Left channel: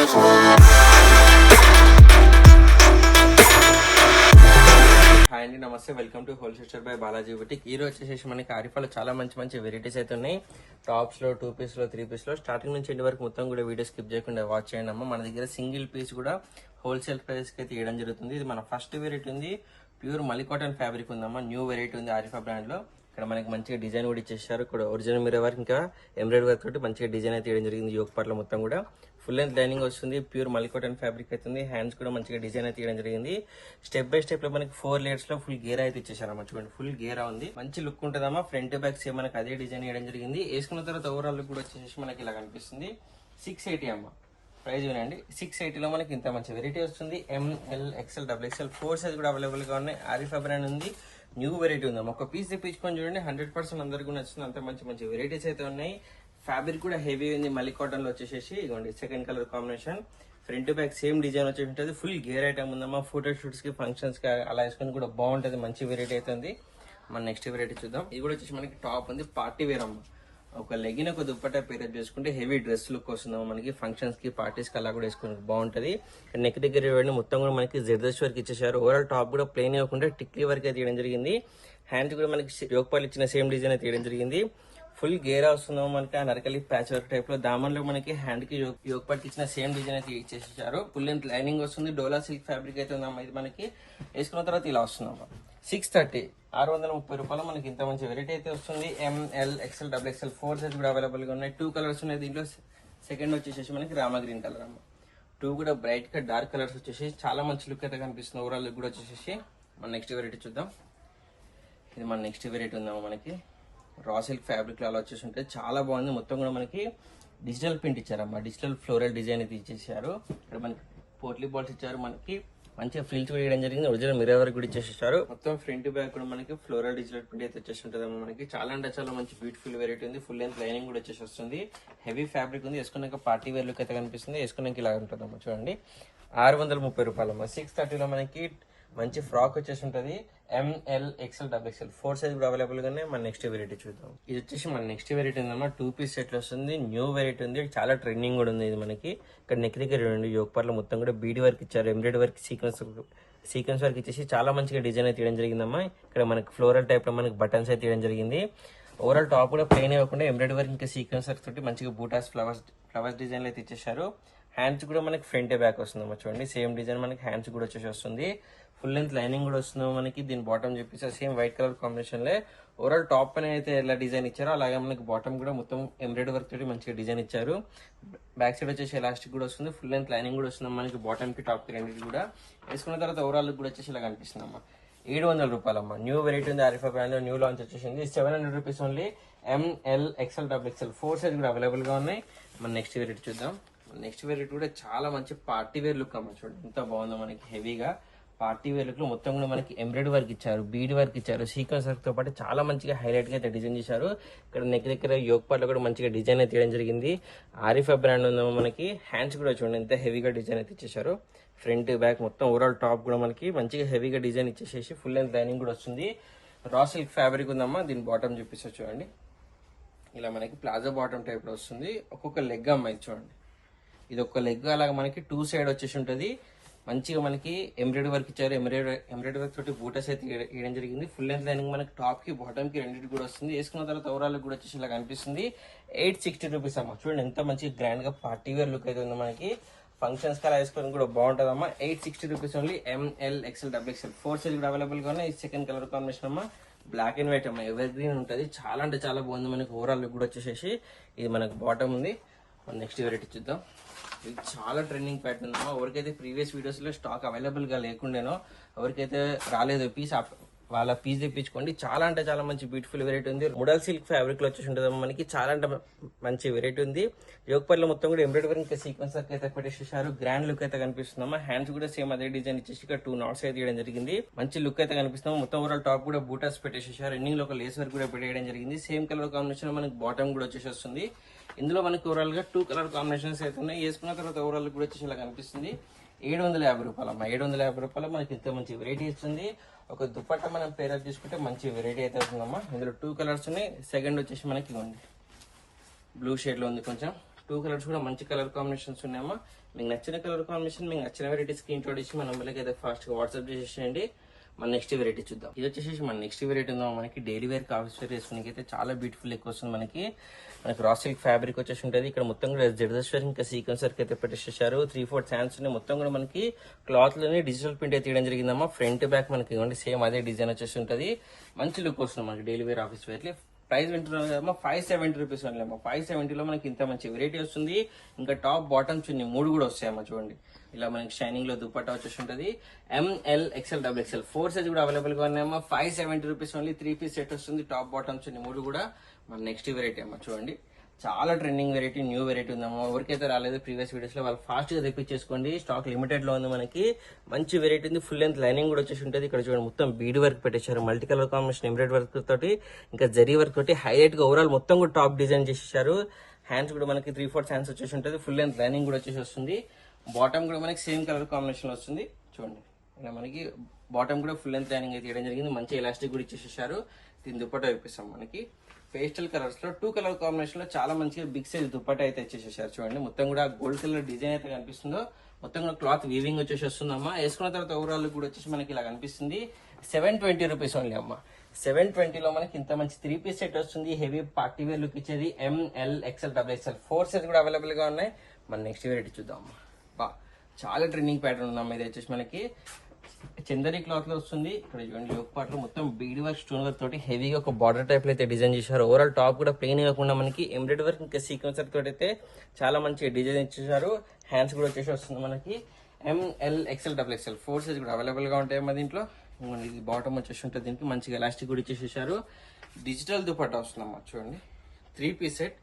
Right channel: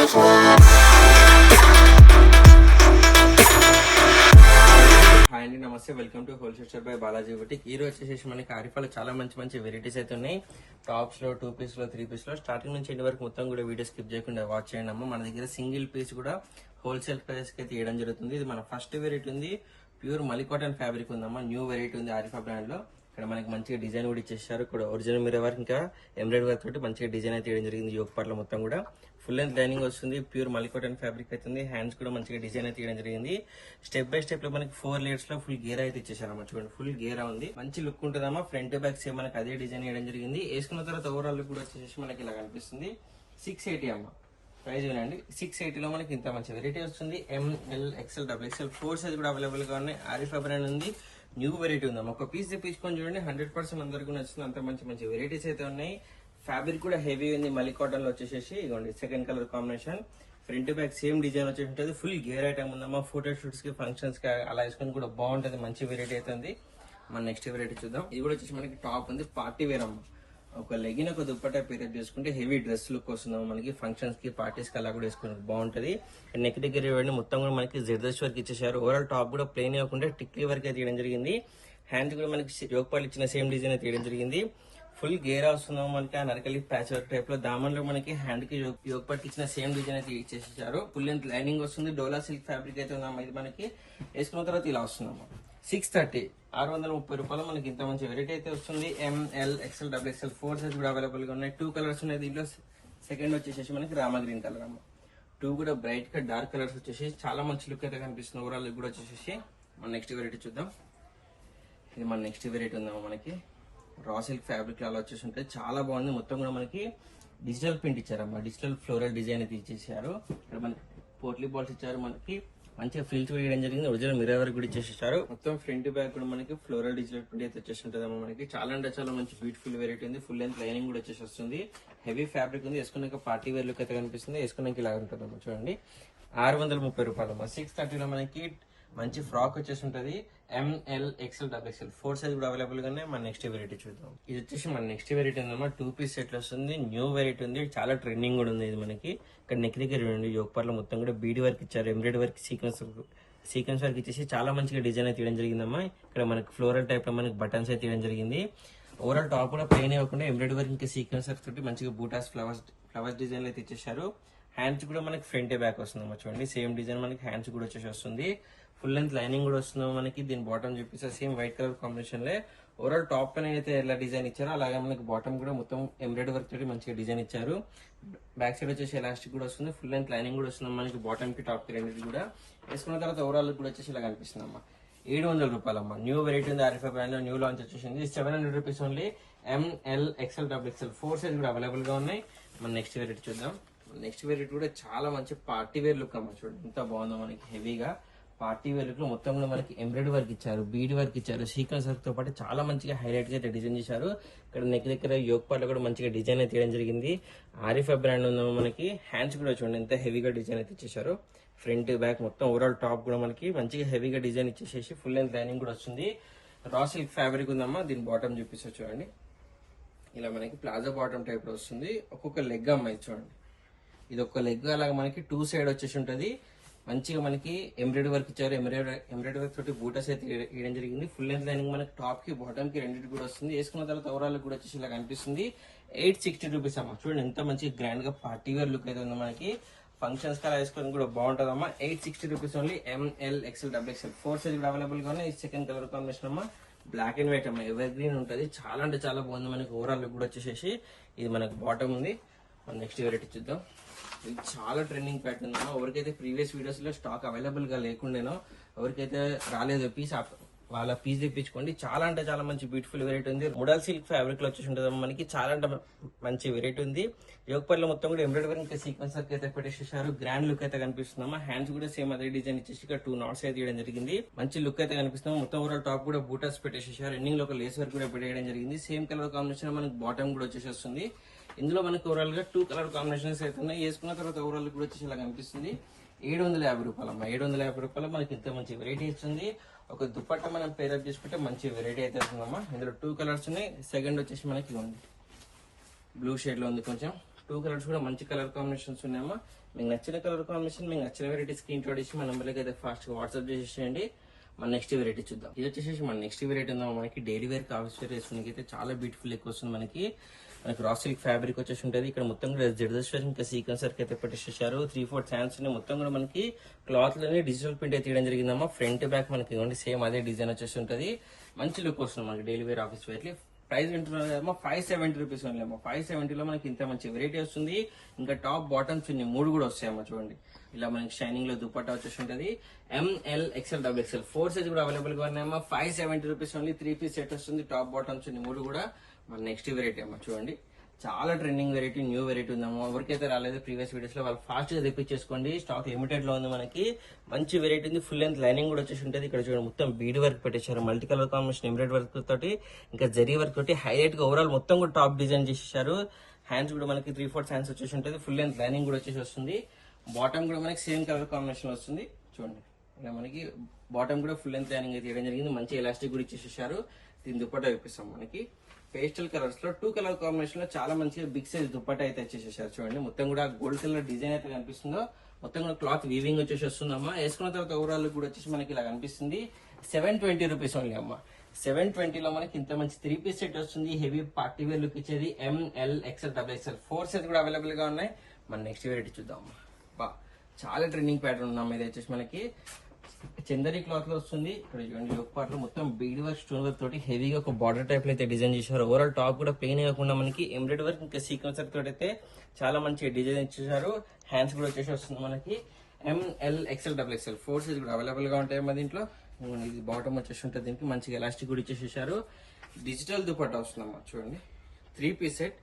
Hi అండి, నమస్తే. Welcome to wholesale shop by Balaji boutique. ఈ రోజు వచ్చేసి మనకి ఆరిఫాలో చాలా మంచి వెరైటీస్ అయితే ఉన్నాయి. టాప్స్ లో, 2 పీస్ లో, 3 పీస్ లో స్టార్టింగ్ నుంచి ఎండ్ వరకు మొత్తం కూడా వీడియో స్కిప్ చేయకుండా వాచ్ చేయండి అమ్మ. మన దగ్గర సింగిల్ పీస్ కూడా హోల్సేల్ ప్రైస్ కి అయితే ఇవ్వడం జరుగుతుంది. ఇది మన ఫస్ట్ వెరైటీ ఉంది. ప్యూర్ మలి కాటన్ ఫ్యాబ్రిక్ ఉందమ్మా. న్యూ వెరైటీ ఉంది ఆరిఫా బ్రాండ్ లో. ఇక్కడ మనకి మంచిగా డిజైన్ కూడా ఇచ్చేసారు. ఇక్కడ ఒరిజినల్ మిర్రర్ వర్క్ ఇంకా ఎంబ్రాయిడరీ వర్క్ తోటి మంచిగా డిజైన్ అయితే ఇవ్వడం జరిగింది. యోగ పాటలో మొత్తం కూడా ఫుల్ లెంత్ లైనింగ్ వస్తుంది. ప్యూర్ మలి కాటన్ ఫ్యాబ్రిక్ అవుతుంది. హ్యాండ్స్ కూడా మంచిగా డిజైన్ అయితే ఇవ్వడం జరిగింది. స్టెప్ బై స్టెప్ లో మనకి 4 లేయర్స్ లో ఫుల్ గేర్ అయితే ఇచ్చేసారమ్మా. చూడండి, ఫుల్ గేరా ఉంది. మంచి లుక్ ఉంటుందమ్మా. ఫ్రంట్ బ్యాక్ సేమ్ మనకి అదే డిజైన్ ఇవ్వడం జరిగింది. వేసుకున్న తర్వాత ఓవరాల్ లుక్ కూడా వచ్చేసి మనకి ఇలా కనిపిస్తుంది. 680 అమ్మ. ప్రైస్ వినండి, 680 లో మనకి ఇంత మంచి వెరైటీ వస్తుంది. ML XL XXL 4 సైజ్ కూడా అవైలబుల్ గా ఉన్నాయి. ఆరిఫా బ్రాండ్ ఉంది. న్యూ వెరైటీ ఉంది. ఒక పీస్ తెప్పించుకొని చూడండి, 100% అందరికీ నచ్చుతుంది. అంత మంచి వెరైటీస్ అయితే ఉన్నాయి. ఫ్యాబ్రిక్ కూడా హెవీ ఉంది. మలి కాటన్ లో వచ్చేసి ఇదిగోండి second colour combination. Front back same design వచ్చేసి ఉంటుంది. ఫుల్ గేర్ ఐటమ్ ఉందమ్మా. ఫోటో షూట్స్ కి, ఫంక్షన్స్ కి అలా వేసుకొని కూడా బాగుంటది. మంచి వెరైటీ అయితే ఉంది. మన నెక్స్ట్ వెరైటీ చూద్దాం. ఇది కూడా వచ్చేసి మనకి టాప్ ఉంది. పార్టీ వేర్ అమ్మ. ఒక లెగిన్, ఒక దుప్పట్టా పేరప్ చేసుకుంటే హెవీ డ్రెస్ లుక్ వస్తుందమ్మా. మనకి ఫంక్షన్స్ కి, పార్టీస్ కి అలా కూడా వేసుకుని బాగుంటది. నెక్ దగ్గర ఇవ్వండి మొత్తం కూడా మనకి జెర్దర్స్ వర్క్ ఇచ్చేసారు. ఓవరాల్ టాప్ కూడా ప్లెయిన్ ఇవ్వకుండా టిక్లీ వర్క్ అయితే తీయడం జరిగింది. హ్యాండ్స్ కూడా మనకి యోగపాలు ఇచ్చిన సేమ్ డిజైన్ అయితే తీయడం జరిగింది. ఫుల్ గేరా వస్తున్నాం మనకి. ఆ నరకలి ప్యాచ్ వర్క్ టైప్ లో దామన్లో మనకి హ్యాండ్ కి యోగపాటు ఇచ్చిన సేమ్ డిజైన్ అయితే ఇచ్చేసారు. ఫుల్ లెంత్ లైనింగ్ వస్తుంది. డోలా సిల్క్ ఫ్యాబ్రిక్ అయితే ఉందమ్మా. ఇది మనకి వేసుకున్న తర్వాత ఇలా వస్తుందమ్మా. 630 630 రూపాయలు మనకి ఇంత మంచి వెరైటీ అయితే వస్తుంది. ML XL XXL 4 సైజ్ కూడా అవైలబుల్ గా ఉన్నాయి. 2 కలర్స్ ఉన్నాయి దీంట్లో. సెకండ్ వచ్చేసి మనకి రామా గ్రీన్ కలర్ అమ్మ. 2 కూడా బ్రైట్ గా డార్క్ కలర్స్ వచ్చేసి చాలా మంచి లుక్ అయితే కనిపిస్తుంది. ఓవరాల్ లుక్ కూడా వచ్చేసి మన నెక్స్ట్ వెరైటీ చూద్దాం. ఇది మన నెక్స్ట్ వెరైటీ ఉందమ్మా. మనకి రా సిల్క్ ఫ్యాబ్రిక్ లో అలా వచ్చేసి ఉంటే చాలా బాగుంది. మొత్తం కూడా మనకి డిజిటల్ ప్రింట్ ఇచ్చారమ్మా. డిజిటల్ ఫ్లోరల్ డిజైన్ అయితే ఇచ్చేసారు. ఇక్కడ మనకి పోట్లీ బాల్స్ ఇచ్చారు. మనకి మంచిగా ఫ్రిల్స్ కూడా వేయడం జరిగింది. ఒరిజినల్ మిర్రర్ వర్క్ కూడా ఇచ్చేసారు. మొత్తం ఫ్రంట్ బ్యాక్ కూడా మనకి ఫ్లోరల్ డిజిటల్ ప్రింట్ అయితే వచ్చేసి ఉంటుందమ్మా. మనకి చాలా అంటే చాలా మంచి బ్యూటిఫుల్ వెరైటీ ఉంది. ఫుల్ లెంత్ లైనింగ్ కూడా వచ్చేసి వస్తుంది. హెవీ ఫ్యాబ్రిక్ ఉంది. వేసుకున్నాక పార్టీ వేర్ లుక్ అయితే కనిపిస్తుంది. వేసుకున్నాక ఇలా ఉంటుందమ్మా. చూడండి, 630 రూపాయలు. 630 లో మనకి మంచి ఫ్రాక్ వచ్చేసి ఉంటది. ML XL XXL 4 సైజ్ కూడా అవైలబుల్ గానే. మన నెక్స్ట్ వెరైటీ చూద్దాం. ఇది వచ్చేసి మన నెక్స్ట్ వెరైటీ ఉందమ్మా. 2 పీస్ సెట్ వస్తుంది. న్యూ వెరైటీ ఉంది. చాలా ట్రెండింగ్ కూడా ఉంది. ఇది మనకి ఇక్కడ నెక్ దగ్గర యోగపార్లో మొత్తం కూడా బీడీ వర్క్ ఇచ్చారు. ఎంబ్రాయిడరీ వర్క్, సీక్వెన్స్ వర్క్ ఇచ్చేసి చాలా మంచిగా డిజైన్ అయితే తీయడం జరిగిందమ్మా. ఇక్కడ మనకి ఫ్లోరల్ టైప్ లో మనకి బటన్స్ అయితే తీయడం జరిగింది. ఓవరాల్ టాప్ కూడా ప్లెయిన్ ఇవ్వకుండా ఎంబ్రాయిడరీ వర్క్ ఇంకా సీక్వెన్స్ వర్క్ తోటి మంచిగా బూటాస్ ఫ్లవర్స్ డిజైన్ అయితే ఇచ్చేసారు. హ్యాండ్స్ కూడా మనకి ఫ్రంట్ బ్యాక్ వస్తుందమ్మా. చూడండి, సేమ్ డిజైన్ మనకి హ్యాండ్స్ కూడా వచ్చేసి వస్తుంది. ఫుల్ లెంత్ లైనింగ్ కూడా వస్తుంది మనకి. దీని బాటమ్ చెప్పేసి సేమ్ వైట్ కలర్ కాంబినేషన్ లో ఓవరాల్ టాప్ పైన అయితే ఎలా డిజైన్ ఇచ్చారో అలాగే మనకి బాటమ్ కూడా మొత్తం ఎంబ్రాయిడరీ వర్క్ తోటి మంచిగా డిజైన్ ఇచ్చారు. బ్యాక్ సైడ్ వచ్చేసి ఎలాస్టిక్ కూడా వస్తుంది. ఫుల్ లెంత్ లైనింగ్ కూడా వస్తుంది మనకి. బాటమ్ కి, టాప్ కి రెండింటి కూడా వేసుకున్న తర్వాత ఓవరాల్ కూడా వచ్చేసి ఇలా కనిపిస్తుంది అమ్మా. 700 రూపాయలమ్మా. న్యూ వెరైటీ ఉంది. ఆరిఫా బ్రాండ్ లో న్యూ లాంచ్ వచ్చేసింది. 700 rupees only. ML XL XXL 4 size కూడా అవైలబుల్ గా ఉన్నాయి. మన నెక్స్ట్ వెరైటీ చూద్దాం. నెక్స్ట్ వెరైటీ కూడా చాలా మంచి పార్టీ వేర్ లుక్ అమ్మ. చూడండి ఎంత బాగుందో మనకి. హెవీగా పార్టీ వేర్ లుక్ లో మొత్తం కూడా మనకి ఎంబ్రాయిడరీ వర్క్ ఇచ్చారు, బీడ్ వర్క్ ఇచ్చారు, సీక్వెన్స్ వర్క్ తో పాటు చాలా మంచిగా హైలైట్ గా అయితే డిజైన్ చేశారు. ఇక్కడ నెక్ దగ్గర యోగ్ పార్ట్ లో కూడా మంచిగా డిజైన్ అయితే తీయడం జరిగింది. ఆరిఫా బ్రాండ్ ఉందేమో మనకి. హ్యాండ్స్ కూడా చూడండి ఎంత హెవీగా డిజైన్ అయితే ఇచ్చేసారు. ఫ్రంట్ బ్యాక్ మొత్తం ఓవరాల్ టాప్ కూడా మనకి మంచిగా హెవీగా డిజైన్ ఇచ్చేసేసి ఫుల్ లెంత్ లైనింగ్ కూడా వస్తుంది. రా సిల్క్ ఫ్యాబ్రిక్ ఉందమ్మా. దీని బాటమ్ చూపిస్తా చూడండి. ఇలా మనకి ప్లాజో బాటమ్ టైప్ లో వస్తుంది. ఒక్కొక్క లెగ్ అమ్మాయి చూడండి. ఇది ఒక లెగ్ అలాగా మనకి 2 సైడ్ వచ్చేసి ఉంటది. మంచిగా మనకి ఎంబ్రాయిడరీ వర్క్ ఇచ్చారు. ఎంబ్రాయిడరీ వర్క్ తోటి బూటస్ అయితే వేయడం జరిగింది. ఫుల్ లెంత్ లైనింగ్ మనకి టాప్ కి, బాటమ్ కి రెండింటి కూడా వస్తుంది. వేసుకున్న తర్వాత ఓవరాల్ కూడా వచ్చేసి ఇలా కనిపిస్తుంది. 860 రూపీస్ అమ్మా. చూడండి ఎంత మంచి గ్రాండ్ గా పార్టీ వేర్ లుక్ అయితే ఉంది మనకి. ఫంక్షన్స్ కలా వేసుకొని కూడా బాగుంటుంది అమ్మా. 860 rupees only. ML XL XXL 4 size కూడా అవైలబుల్ గా ఉన్నాయి. సెకండ్ కలర్ కాంబినేషన్ అమ్మా. బ్లాక్ అండ్ వైట్ అమ్మా. ఎవర్ గ్రీన్ ఉంటుంది. చాలా అంటే చాలా బాగుంది మనకి. ఓవరాల్ లుక్ కూడా వచ్చేసి ఇది మనకి బాటమ్ ఉంది. నెక్స్ట్ వెరైటీ చూద్దాం. ఇది చాలా ట్రెండింగ్ ప్యాటర్న్ అమ్మా. ఎవరికైతే ప్రీవియస్ వీడియోస్ లో స్టాక్ అవైలబుల్ గా లేకుండానో, ఎవరికైతే రాలేదు పీస్, వాళ్ళ పీస్ తెప్పించుకోండి. చాలా అంటే చాలా మంచి బ్యూటిఫుల్ వెరైటీ ఉంది. ముడల్ సిల్క్ ఫ్యాబ్రిక్ లో వచ్చేసి ఉంటుంది మనకి. చాలా అంటే మంచి వెరైటీ ఉంది. యోగపల్లి మొత్తం కూడా ఎంబ్రాయిడరీ ఇంకా సీక్వెన్స్ వర్క్ అయితే పెట్టేసేసారు. గ్రాండ్ లుక్ అయితే కనిపిస్తుందమ్మా. హ్యాండ్స్ కూడా సేమ్ అదే డిజైన్ ఇచ్చేసి ఇక్కడ 2 knots అయితే తీయడం జరిగింది. మంచి లుక్ అయితే కనిపిస్తుంది. మొత్తం ఓవరాల్ టాప్ కూడా బూటాస్ పెట్టేసేసారు. ఎండింగ్ లో ఒక లేస్ వర్క్ కూడా పెట్టేయడం జరిగింది. సేమ్ కలర్ కాంబినేషన్ మనకి బాటమ్ కూడా వచ్చేసి వస్తుంది. ఇందులో మనకి ఓవరాల్ గా 2 కలర్ కాంబినేషన్స్ అయితే ఉన్నాయి. వేసుకున్న తర్వాత ఓవరాల్ కూడా వచ్చేసి ఇలా కనిపిస్తుంది. 750 రూపాయలు అమ్మా. 750 రూపాయలు మనకి ఇంత మంచి వెరైటీ ఇస్తుంది. ఒక దుపట్టా మనం పేరప్ చేసుకుంటే మంచి వెరైటీ అయితే వస్తుందమ్మా. ఇందులో 2 కలర్స్ ఉన్నాయి. సెకండ్ వచ్చేసి మనకి ఉంది బ్లూ షేడ్ లో ఉంది. కొంచెం 2 కలర్స్ కూడా మంచి కలర్ కాంబినేషన్స్ ఉన్నాయమ్మా. మీకు నచ్చిన కలర్ కాంబినేషన్, మీకు నచ్చిన వెరైటీ స్క్రీన్ షాట్ ఇచ్చి మన నెంబర్కి అయితే ఫాస్ట్ గా వాట్సాప్ చేసేయండి. మన నెక్స్ట్ వెరైటీ చూద్దాం. ఇది వచ్చేసి మన నెక్స్ట్ వెరైటీ ఉందాం. మనకి డైలీ వేర్ ఆఫీస్ వేర్ వేసుకునే అయితే చాలా బ్యూటిఫుల్ ఎక్కువ వస్తుంది. మనకి రా సిల్క్ ఫ్యాబ్రిక్ వచ్చేసి ఉంటుంది. ఇక్కడ మొత్తం కూడా జెర్దోస్వేర్ ఇంకా సీక్వెన్స్ వర్క్ అయితే పెట్టేసేసారు. 3-4 హ్యాండ్స్ మొత్తం కూడా మనకి క్లాత్ లోనే డిజిటల్ ప్రింట్ అయితే తీయడం జరిగిందమ్మా. ఫ్రంట్ బ్యాక్ మనకి ఇవ్వండి సేమ్ అదే డిజైన్ వచ్చేసి ఉంటుంది. మంచి లుక్ వస్తుంది మనకి daily wear office wear. Price వింటున్నాం కదమ్మా, 570 రూపీస్ ఓన్లీ అమ్మా. 570లో మనకి ఇంత మంచి వెరైటీ వస్తుంది. ఇంకా టాప్ బాటమ్ చున్నీ 3 కూడా వస్తాయమ్మా. చూడండి ఇలా మనకి షైనింగ్ లో దుపట్టా వచ్చేసి ఉంటుంది. ML XL XXL 4 సైజ్ కూడా అవైలబుల్ గా ఉన్నాయమ్మా. 570 రూపీస్ ఓన్లీ. 3 పీస్ సెట్ వస్తుంది. టాప్ బాటమ్ చున్నీ 3 కూడా మన నెక్స్ట్ వెరైటీ అమ్మా. చూడండి చాలా ట్రెండింగ్ వెరైటీ, న్యూ వెరైటీ ఉందమ్మా. ఎవరికైతే రాలేదు ప్రీవియస్ వీడియోస్ లో వాళ్ళు ఫాస్ట్ గా తెప్పించేసుకోండి. స్టాక్ లిమిటెడ్ లో ఉంది మనకి. మంచి వెరైటీ ఉంది. ఫుల్ లెంత్ లైనింగ్ కూడా వచ్చేసి ఉంటుంది. ఇక్కడ చూడండి మొత్తం బీడ్ వర్క్ పెట్టేశారు. Multi colour combination embroidery work తోటి ఇంకా జరీ వర్క్ తోటి హైలైట్ గా ఓవరాల్ మొత్తం కూడా టాప్ డిజైన్ చేసేసారు. హ్యాండ్స్ కూడా మనకి 3-4 హ్యాండ్స్ వచ్చేసి ఉంటుంది. ఫుల్ లెంత్ లైనింగ్ కూడా వచ్చేసి వస్తుంది. బాటమ్ కూడా మనకి సేమ్ కలర్ కాంబినేషన్ వస్తుంది. చూడండి ఇలా మనకి బాటమ్ కూడా ఫుల్ లెంత్ లైనింగ్ అయితే ఇవ్వడం జరిగింది. మంచి ఎలాస్టిక్ కూడా ఇచ్చేసేసారు. దీని దుపట్టా చూపిస్తాం. మనకి పేస్టల్ కలర్స్ లో 2 కలర్ కాంబినేషన్ లో చాలా మంచిగా బిగ్ సైజ్ దుపట్టా అయితే వచ్చేసేసారు. చూడండి మొత్తం కూడా గోల్డ్ కలర్ డిజైన్ అయితే కనిపిస్తుందో మొత్తం కూడా క్లాత్ వీవింగ్ వచ్చేసి వస్తుందమ్మా. వేసుకున్న తర్వాత ఓవరాల్ కూడా వచ్చేసి మనకి ఇలా కనిపిస్తుంది. 720 రూపీస్ ఓన్లీ అమ్మా. 720లో మనకి ఇంత మంచి 3 పీస్ సెట్ వస్తుంది. హెవీ పార్టీ వేర్ లుక్ ఇచ్చేది. ML XL XXL 4 సైజ్ కూడా అవైలబుల్ గా ఉన్నాయి. మన నెక్స్ట్ వెరైటీ చూద్దాం. చాలా ట్రెండింగ్ ప్యాటర్న్ ఉన్నాం. ఇది వచ్చేసి మనకి చందరి క్లాత్ లో వస్తుంది. ఇక్కడ చూడండి యోక్ పార్ట్ లో మొత్తం బీడ్ వర్క్ స్టోన్ వర్క్ తోటి హెవీగా ఒక బార్డర్ టైప్ లో అయితే డిజైన్ చేశారు. ఓవరాల్ టాప్ కూడా ప్లెయిన్ కాకుండా మనకి ఎంబ్రాయిడరీ వర్క్ ఇంకా సీక్వెన్స్ వర్క్ తోటి అయితే చాలా మంచిగా డిజైన్ ఇచ్చేసారు. హ్యాండ్స్ కూడా వచ్చేసి వస్తుంది మనకి. ML XL XXL 4 సైజ్ కూడా అవైలబుల్ గా ఉంటాయి మా దీంట్లో. ఇది బాటమ్ వచ్చేసి ఉంటుంది. దీనికి మంచిగా ఎలాస్టిక్ కూడా ఇచ్చేసేసారు. డిజిటల్ దుపట్టా వస్తుందమ్మా. చూడండి 3 పీస్ సెట్.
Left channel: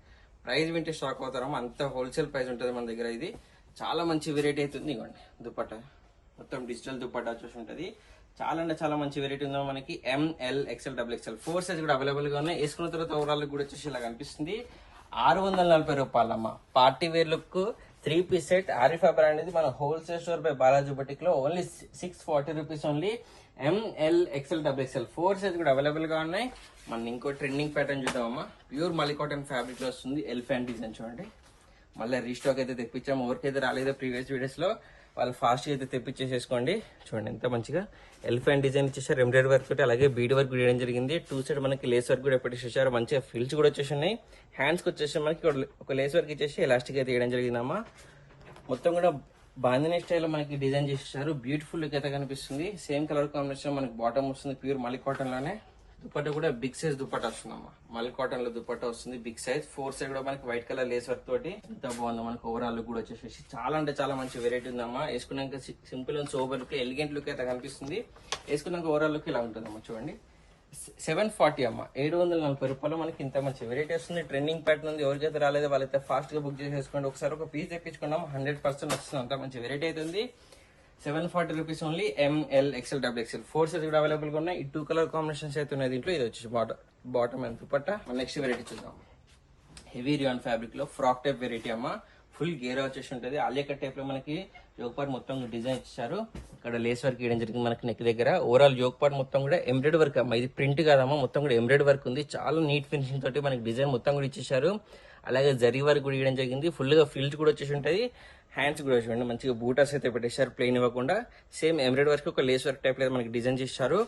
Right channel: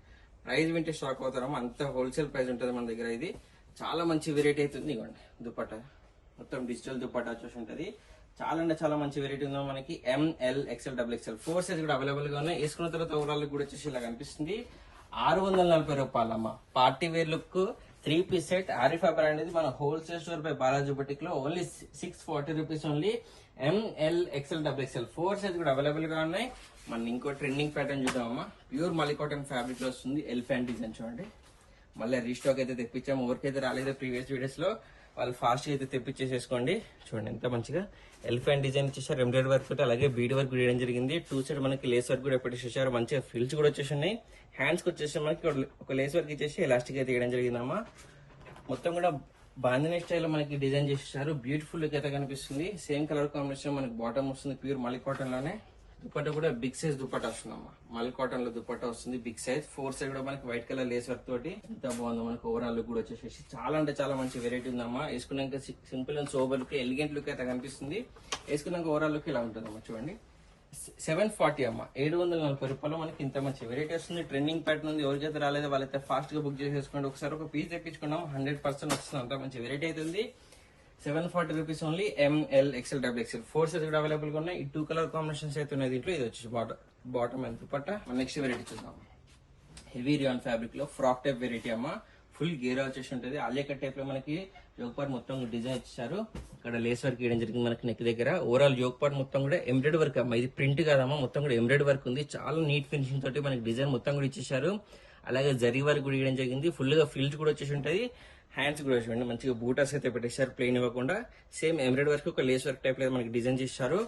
ప్రైస్ వింటే స్టాక్ అవుతారమ్మా. అంత హోల్సేల్ ప్రైస్ ఉంటుంది మన దగ్గర. ఇది చాలా మంచి వెరైటీ అవుతుంది. ఇవ్వండి దుపట్టా మొత్తం డిజిటల్ దుపట్టా వచ్చేసి ఉంటుంది. చాలా అంటే చాలా మంచి వెరైటీ ఉందా మనకి. ML XL XXL 4 సైజ్ కూడా అవైలబుల్ గా ఉన్నాయి. వేసుకున్న తర్వాత ఓవరాల్ కూడా వచ్చేసి ఇలా కనిపిస్తుంది. 640 రూపాయలమ్మా. Party wear look 3 piece set. Arifa brand అనేది మన wholesale store by Balaji boutique లో only 640 rupees only. ML XL XXL 4 size కూడా అవైలబుల్ గా ఉన్నాయి. మన ఇంకో ట్రెండింగ్ ప్యాటర్న్ చూద్దామమ్మా. ప్యూర్ మల్లీ కాటన్ ఫ్యాబ్రిక్ లో వస్తుంది. ఎలిఫెంట్ డిజైన్ చూడండి. మళ్ళీ రీస్టాక్ అయితే తెప్పించాము. ఎవరికైతే రాలేదో ప్రీవియస్ వీడియోస్ లో వాళ్ళు ఫాస్ట్ అయితే తెప్పించేసేసుకోండి. చూడండి ఎంత మంచిగా ఎలిఫెంట్ డిజైన్ ఇచ్చేసారు. ఎంబ్రాయిడరీ వర్క్ తోటి అలాగే బీడ్ వర్క్ వేయడం జరిగింది. 2 సైడ్ మనకి లేస్ వర్క్ కూడా పెట్టేసేసారు. మంచిగా ఫిల్స్ కూడా వచ్చేసి ఉన్నాయి. హ్యాండ్స్ కి వచ్చేసి మనకి ఒక లేస్ వర్క్ ఇచ్చేసి ఎలాస్టిక్ అయితే వేయడం జరిగిందమ్మా. మొత్తం కూడా బాందినీ స్టైల్ మనకి డిజైన్ చేసేసారు. బ్యూటిఫుల్ లుక్ అయితే కనిపిస్తుంది. సేమ్ కలర్ కాంబినేషన్ మనకి బాటమ్ వస్తుంది. ప్యూర్ మల్లీ కాటన్ లోనే. దుపట్టా కూడా బిగ్ సైజ్ దుపట్టా వస్తుందమ్మా. మల్లీ కాటన్ లో దుపట్టా వస్తుంది బిగ్ సైజ్. 4 సైడ్ కూడా మనకి వైట్ కలర్ లేస్ వర్క్ తోటి ఎంత బాగుందో మనకి ఓవరాల్ లుక్ కూడా వచ్చేసి చాలా అంటే చాలా మంచి వెరైటీ ఉందమ్మా. వేసుకున్నాక simple and sober look, elegant look అయితే కనిపిస్తుంది. వేసుకున్నాక ఓవరాల్ లుక్ ఇలా ఉంటుందమ్మా. చూడండి 740 అమ్మా. 740 రూపాయలు మనకి ఇంత మంచి వెరైటీ వస్తుంది. ట్రెండింగ్ ప్యాటర్న్ ఉంది. ఎవరికైతే రాలేదో వాళ్ళైతే ఫాస్ట్ గా బుక్ చేసేసుకోండి. ఒకసారి ఒక పీస్ తెప్పించుకున్నాం 100% వస్తుంది. అంత మంచి వెరైటీ అయితే ఉంది. 740 rupees only. ML XL XXL 4 size కూడా అవైలబుల్ గా ఉన్నాయి. ఈ 2 కలర్ కాంబినేషన్స్ అయితే ఉన్నాయి దీంట్లో. ఇది వచ్చేసి bottom and dupatta. Next variety చూద్దాం. హెవీ రియాన్ ఫ్యాబ్రిక్ లో ఫ్రాక్ టైప్ వెరైటీ అమ్మా. ఫుల్ గేరా వచ్చేసి ఉంటుంది. ఆలియా కట్ టైప్ లో మనకి యోక్ పార్ట్ మొత్తం డిజైన్ ఇచ్చారు. ఇక్కడ లేస్ వర్క్ వేయడం జరిగింది మనకి నెక్ దగ్గర. ఓవరాల్ యోక్ పార్ట్ మొత్తం కూడా ఎంబ్రాయిడరీ వర్క్ అమ్మా. ఇది ప్రింట్ కాదమ్మా, మొత్తం కూడా ఎంబ్రాయిడరీ వర్క్ ఉంది. చాలా నీట్ ఫినిషింగ్ తోటి మనకి డిజైన్ మొత్తం కూడా ఇచ్చేసారు. అలాగే జరీ వర్క్ కూడా వేయడం జరిగింది. ఫుల్ గా ఫిల్ట్ కూడా వచ్చేసి ఉంటుంది. హ్యాండ్స్ కూడా చూడండి మంచిగా బూటర్స్ అయితే పెట్టేశారు ప్లెయిన్ ఇవ్వకుండా. సేమ్ ఎంబ్రాయిడరీ వర్క్ ఒక లేస్ వర్క్ టైప్ లో మనకి డిజైన్ చేశారు.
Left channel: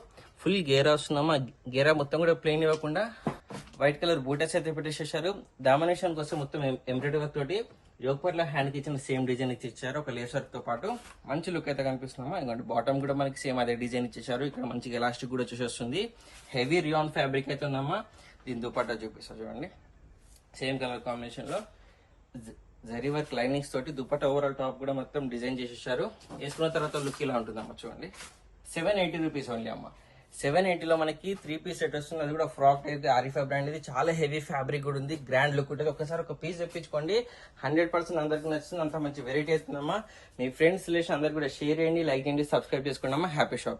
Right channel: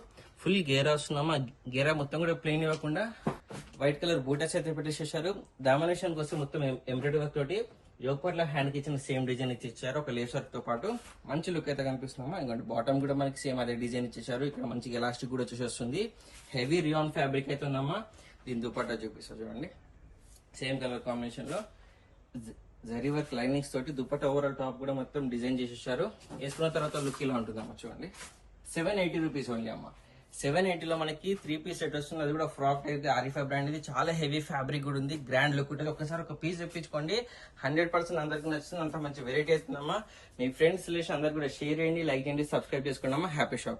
ఫుల్ గేరా వస్తుందమ్మా. గేరా మొత్తం కూడా ప్లెయిన్ ఇవ్వకుండా వైట్ కలర్ బూటర్స్ అయితే పెట్టేసేసారు. డామినేషన్ కోసం మొత్తం ఎంబ్రాయిడరీ వర్క్ తోటి యోక్ పార్ట్ లో హ్యాండ్ కి ఇచ్చిన సేమ్ డిజైన్ ఇచ్చేసారు. ఒక లేస్ వర్క్ తో పాటు మంచి లుక్ అయితే కనిపిస్తున్నామా. ఇంకోటి బాటమ్ కూడా మనకి సేమ్ అదే డిజైన్ ఇచ్చేసారు. ఇక్కడ మంచిగా ఎలాస్టిక్ కూడా వచ్చేసి వస్తుంది. హెవీ రియాన్ ఫ్యాబ్రిక్ అయితే ఉందమ్మా. దీని దుపట్టా చూపిస్తారు చూడండి. సేమ్ కలర్ కాంబినేషన్ లో జరీ వర్క్ లైనింగ్స్ తోటి దుపట్టా ఓవరాల్ టాప్ కూడా మొత్తం డిజైన్ చేసేసారు. వేసుకున్న తర్వాత లుక్ ఇలా ఉంటుందమ్మా. చూడండి 780 రూపీస్ ఓన్లీ అమ్మా. 780లో మనకి 3 పీస్ సెట్ వస్తుంది. అది కూడా ఫ్రాక్ అయితే ఆరిఫా బ్రాండ్. ఇది చాలా హెవీ ఫ్యాబ్రిక్ కూడా ఉంది. గ్రాండ్ లుక్ ఉంటుంది. ఒకసారి ఒక పీస్ తెప్పించుకోండి. 100% అందరికి నచ్చుతుంది. అంత మంచి వెరైటీ వస్తుందమ్మా. మీ ఫ్రెండ్స్ రిలేషన్ అందరికి కూడా షేర్ చేయండి, లైక్ చేయండి, సబ్స్క్రైబ్ చేసుకోండి అమ్మా. Happy shopping.